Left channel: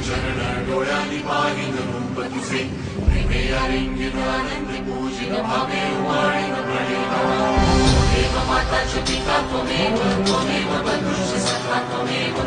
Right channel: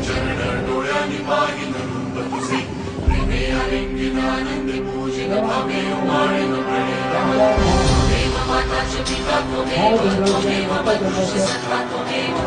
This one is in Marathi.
चरण डोळ्यांनी पाहिन रूप तुझे प्रेमे आलिंगनानंद पूजन भावे वाळन प्रणेन देव माता च पिता त्वमेव त्वमेव तदृश सखा त्वमेव